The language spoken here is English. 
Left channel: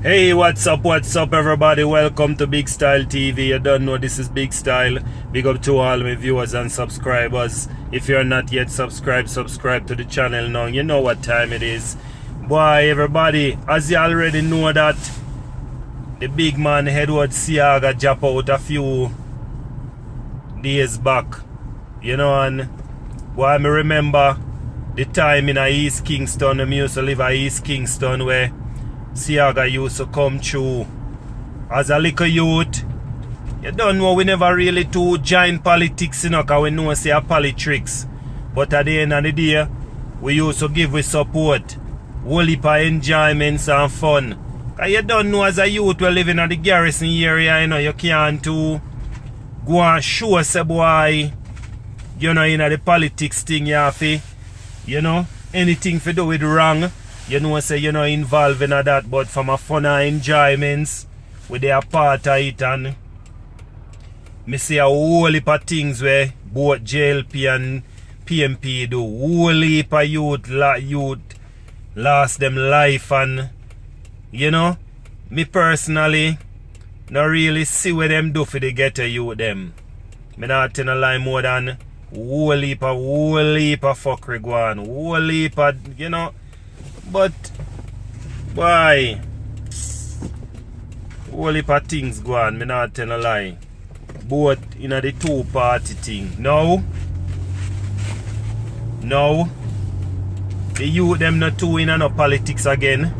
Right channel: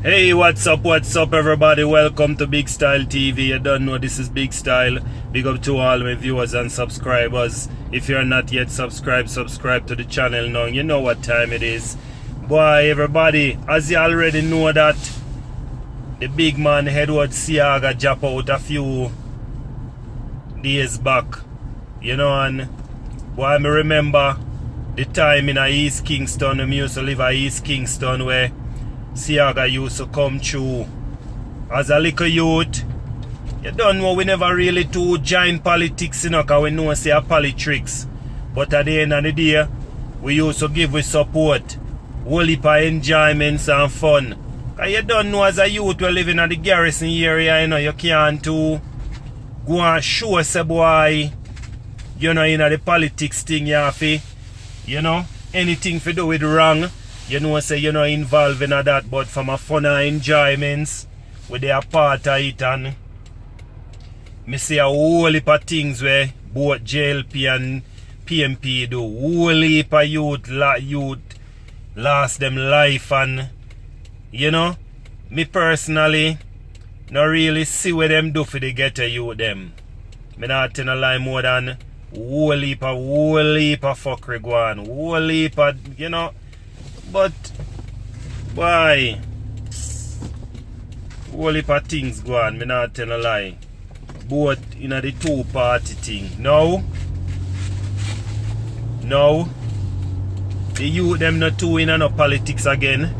Hey, what's up everybody? Welcome to Big Style TV. You don't know this is Big Style. Big up to all my viewers and subscribers. If you're not yet subscribed, subscribe to the channel now. You know what time it is. Boy, everybody, as you already know that the big man Edward Seaga dropped out a few days back. You know, and boy, I remember the time in East Kingston. I used to live at East Kingston where Seaga used to come through as a little youth. You don't know, we never really do join politics, you know, because we know say a politics. But at the end of the day, we used to give with support, whole heap of enjoyments and fun. Because you don't know, as a youth we living in the garrison area, you know, you can't go and show say boy, you know, in the politics thing you have to, you know, anything to do with wrong. You know, say you're not involved in that, but from a fun and enjoyments, with their part of it, and me see a whole heap of things where both JLP and PMP do. Whole heap of youth lost them life, and you know, me personally not really see what them do for the ghetto youth them. Me not tell a lie more than whole heap of fuckery go on. Whole heap of, you know. But why? Whole heap of things go on, me not tell a lie. Both in the two-party thing. Now, the youth them not too in no politics again.